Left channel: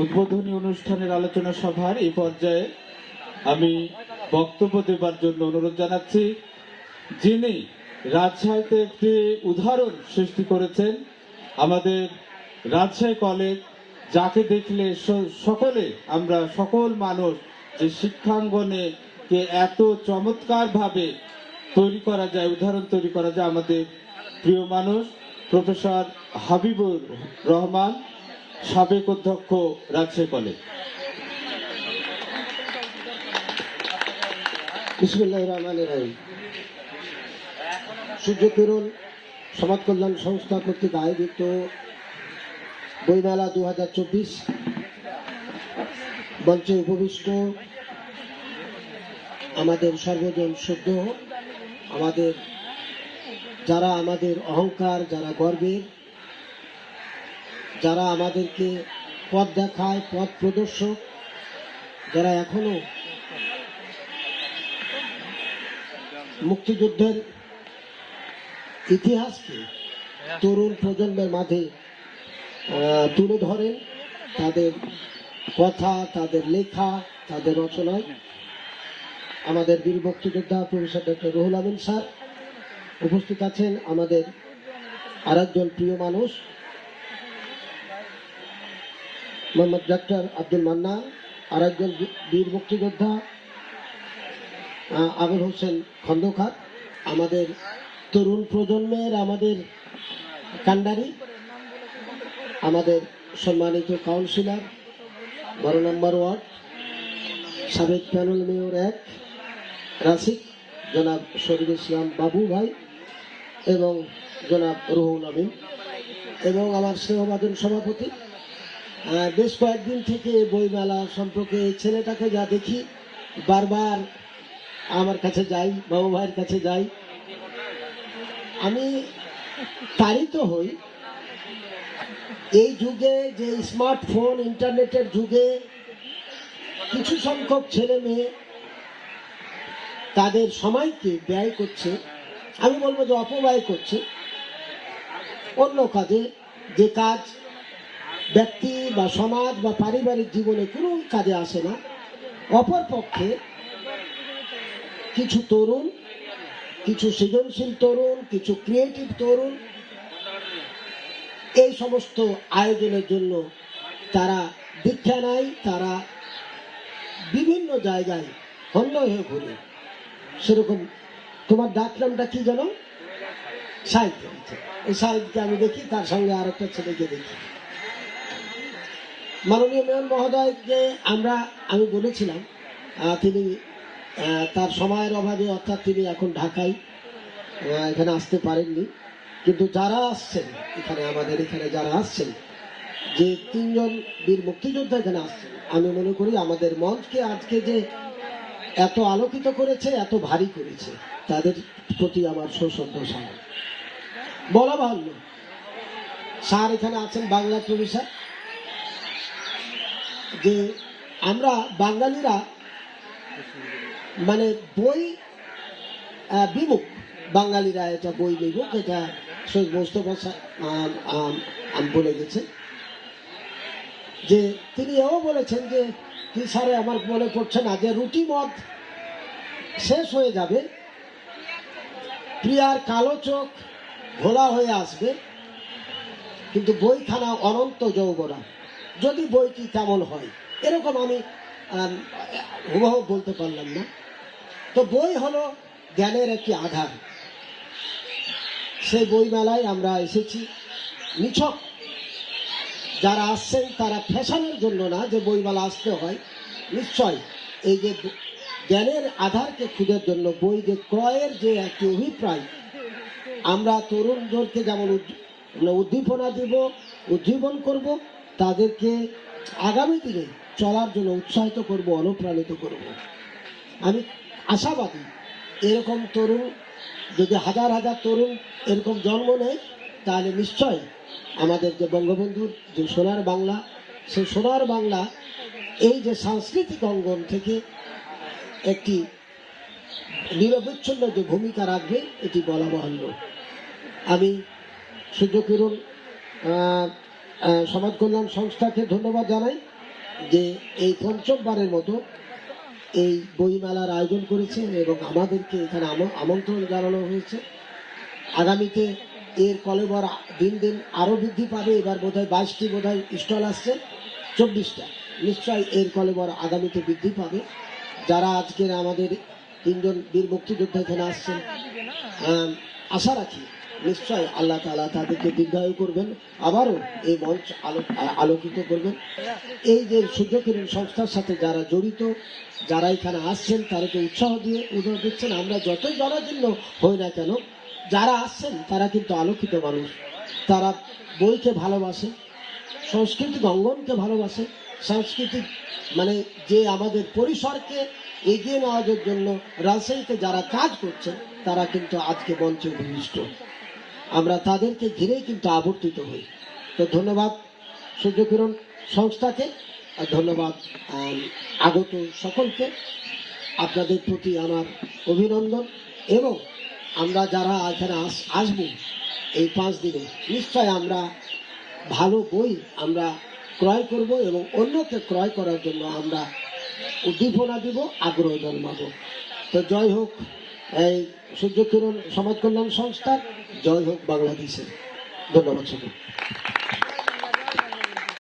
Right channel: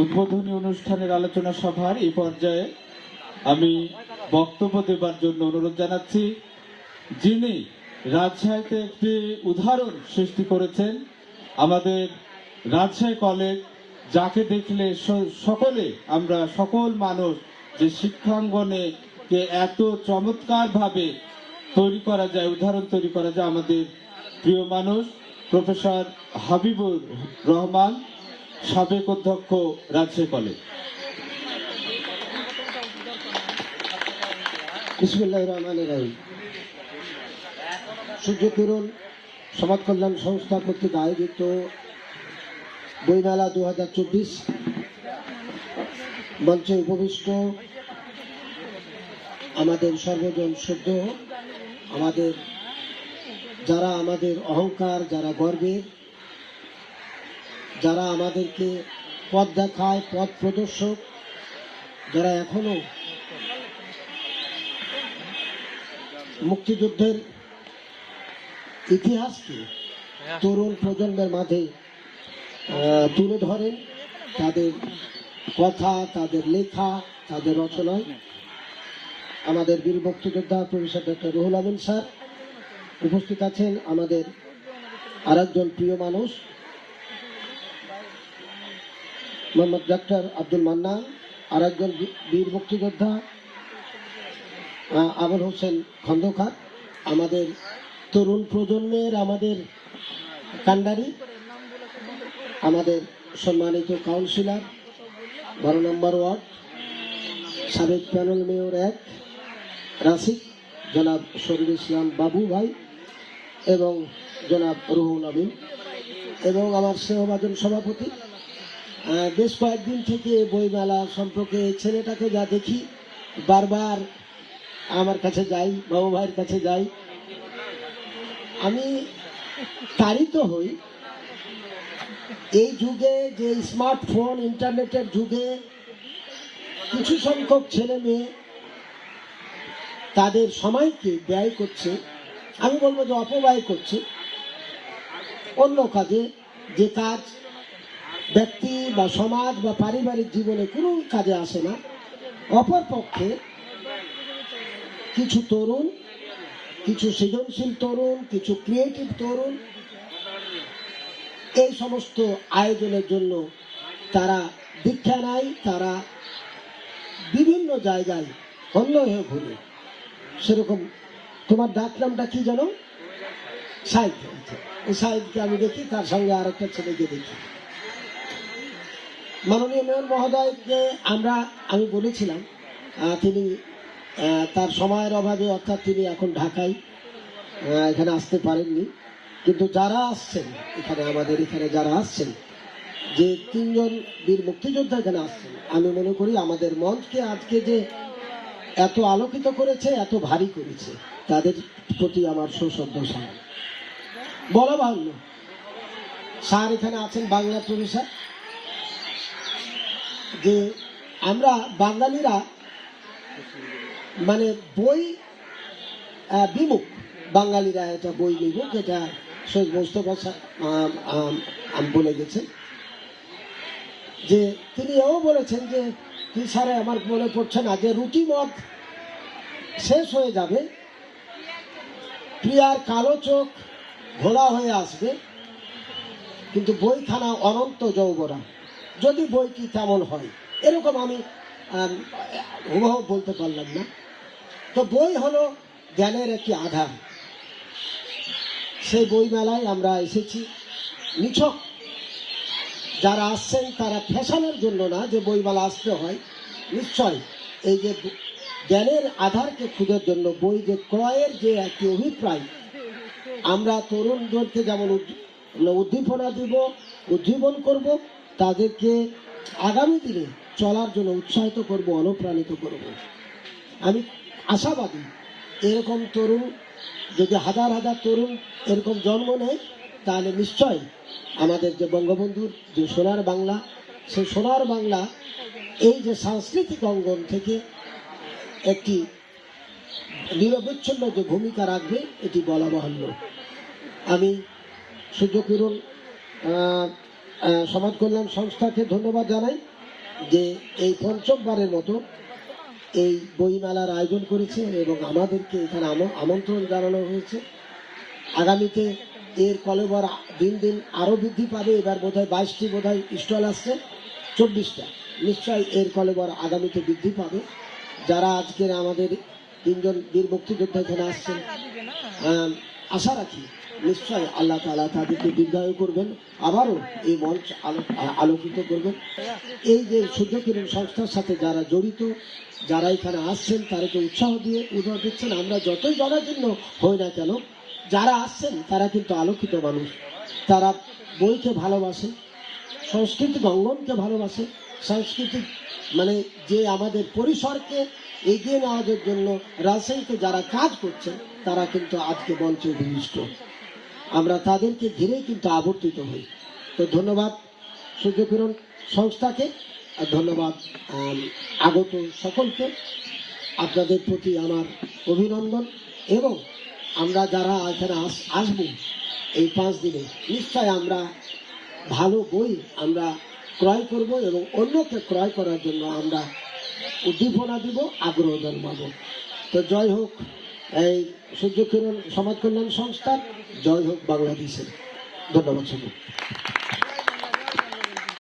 উদ্বোধনী অনুষ্ঠানের আলোচনা সভার এই পর্যায়ে আমি বক্তব্য দেবার জন্য অনুরোধ জানাচ্ছি। যিনি রাজশাহীতে একটি উদাহরণ সৃষ্টি করেছেন, আমাদের রাজশাহী কলেজ, যাকে দেখলে সকলে আমরা সকল মানুষ যে শিক্ষাঙ্গনে কে এত চমৎকার ভাবে তৈরি করা যায়, উদাহরণ তৈরি করা যায়, আমাদের প্রিয় মানুষ প্রফেসর হাবিবুর রহমান, সাবেক অধ্যক্ষ রাজশাহী কলেজ। বিসমিল্লাহির রহমানির রহিম। সূর্যকিরণ সমাজ কল্যাণ সংস্থা কর্তৃক আয়োজিত বইমেলা 2024 মঞ্চে উপবিষ্ট আমাদের সর্বজন শুদ্ধ, আমাদের যারা আমাদের অহংকার, যারা গর্বের, যারা আমাদেরকে পথ দেখায়, পথ প্রদর্শক, যারা এখনো মুক্তিযুদ্ধের ইতিহাসকে তরুণ প্রজন্মের মাঝে তুলে ধরেন, তাদের কথা, তাদের লেখা, তাদের রচনায় আমাদের বীর মুক্তিযোদ্ধা professor doctor Ruhul Amin sir উপস্থিত আছেন। আমাদের আরেকজন প্রিয় মানুষ মোহাম্মদ ডক্টর আব্দুল মান্নান, আরেকজন বীর মুক্তিযোদ্ধা আবুল হোসেন খন্দকার, আমাদের তরুণ প্রজন্মের আমাদের কান্ডারি, আমাদের সম্মানিত কাউন্সিলর 12 নম্বর ওয়ার্ড, সাবেক প্যানেল মেয়র 1 রাসিক জনাব শরীফ ইসলাম বাবু ভাই এবং জনাব রুহুল আমিন এবং আমার স্নেহভাজন সভাপতি। বেশ কয়েকদিন থেকে বইমেলা সম্পর্কে ছেলেটাকে যা দেখি, বারবার আমার কাছে যাই, বাবু ভাইয়ের কাছে যাই, আমি তাড়িত হই। এই যুগে যে স্মার্টফোন, ইন্টারনেটের যুগে কিছু সংখ্যক ছেলে মেয়ে তাদের সময়কে ব্যয় করছে, আমি বলবো যে অপব্যয় করছে অন্য কাজে, যে কাজ ব্যক্তি বা সমাজ বা পারিবারিক জীবনে কোনো কাজে আসে না। অপরপক্ষে কিছু তরুণ, কিছু সৃজনশীল তরুণ, কিছু ক্রিয়েটিভ তরুণ এই সমস্ত আয়োজনের জন্য তারা দীক্ষা নেয়, তারা বিভিন্ন জায়গায় অন্য হয়ে ঘুরে। সেরকম তোমার ডাক নামটা কি জানো? সাহিত্য। এই সাহিত্যকে আমি দেখি, তার সঙ্গে আরেকটা ছেলেকে দেখি। মাননীয় মেয়র মহোদয়কে আমি বলেছিলাম, তিনি তার সময়ের অভাবে, অর্থাৎ তিনি এখন ঢাকায়, এখানে আসতে পারেননি, কিন্তু যারা আসছেন এখানে, আমাদের এখানে যারা আসছেন, যে 3 জন বীর মুক্তিযোদ্ধা এখানে আসছেন, আমি মনে করি আমাদের মঞ্চকে আজকে যে এত আলোকিত করেছে, এত ভারী করেছে, তাদের প্রতি আমার সশ্রদ্ধা সালাম। বলা ভালো, স্যার এখানে আছেন বাংলা প্রফেসর, যে আমরা বাঙালিরা মানে বই বিমুখ, বাঙালিরা এটা বই বিমুখ, এটা সৈয়দ মোস্তফা বলে গেছেন। যে তিনি এও বলেছেন যে কি স্যারে আমার মনে পড়ছে না, যে রুটি মদ শেষ হয়ে যাবে, প্রিয়ার কালো চোখ ঘোলা হয়ে আসবে, কিন্তু বইখানা অনন্ত যৌবনা, যদি বইটি তেমন হয়। এরকম আমি হুবহু বলতে পারলাম না। তো বই হলো জ্ঞানের একটি আধার। সেই বইমেলায় আমরা এসেছি। নিছক যারা আসছেন তারা ফ্যাশনের জন্য না, যে বইমেলা আসতে হয়, নিশ্চয় এই যে জ্ঞানের আধারকে খুঁজার জন্য বই যে ক্রয়ের যে একটি অভিপ্রায়, আমরা তরুণদেরকে যেমন উদ্দীপনা দেব, উজ্জীবন করব, তাদেরকে আগামী দিনে চলার জন্য উৎসাহিত করব, অনুপ্রাণিত করব। আমি আশাবাদী এরকম তরুণ যদি হাজার হাজার তরুণ এরকম জন্ম নেয়, তাহলে নিশ্চয় আমাদের যে বঙ্গবন্ধুর যে সোনার বাংলা, সেই সোনার বাংলা এই যে সাংস্কৃতিক অঙ্গন থেকে একটি নিরবচ্ছিন্ন যে ভূমিকা রাখবে, এটি বলা বাহুল্য। আমি সূর্যকিরণ সমাজ কল্যাণ সংস্থাকে ধন্যবাদ জানাই। যে এই পঞ্চমবারের মতো এই বইমেলার আয়োজন করেছে এবং আমাদেরকে এখানে আমন্ত্রণ জানানো হয়েছে। আগামীতে এর কলেবর দিন দিন আরো বৃদ্ধি পাবে। এবার বোধহয় 22টি বোধহয় স্টল আসছে, 24টা। নিশ্চয়ই এর কলেবর আগামীতে বৃদ্ধি পাবে। যারা আজকের আমাদের 3জন বীর মুক্তিযোদ্ধা এখানে আসছেন, আশা রাখি নিশ্চয় আল্লাহ তাআলা তাদেরকে দীর্ঘায়ু করবেন, আবারও এই মঞ্চ আলোকিত করবেন। এই যে সূর্যকিরণ সংস্থার সাথে যারা জড়িত, যারা এখানে আসছেন তাদেরকে উৎসাহ দিচ্ছেন। আমরা যতই জনাকীর্ণ হই না কেন, যারা আসছেন তারা কিন্তু আলোকিত মানুষ। তারা বইকে ভালোবাসে, সাংস্কৃতিক অঙ্গনকে ভালোবাসে, সাংস্কৃতিক মানে যে আমাদের পরিসরকে এগিয়ে নেওয়ার জন্য রাজশাহীতে যারা কাজ করছেন তারা কিন্তু আজকে মঞ্চে অভিষ্ট। আমরা তাদেরকে ঘিরেই কিন্তু আবর্তিত হই। তো ধন্যবাদ সূর্যকিরণ সংস্থাকে, আর ধন্যবাদ আগত সকলকে। আপনাদের প্রতি আমার অভিনন্দন। এবং আমরা যারা এখানে আসবো এই 5 দিনে, নিশ্চয় আমরা ভালো বই আমরা ক্রয় করব এবং অন্যকে ক্রয় করার জন্য আমরা উদ্দীপনা দিব, আগ্রহ জন্মাবো। তো জয় হোক এই সূর্যকিরণ সমাজ কল্যাণ সংস্থা, জয় হোক বাংলাদেশের। ধন্যবাদ সকলকে।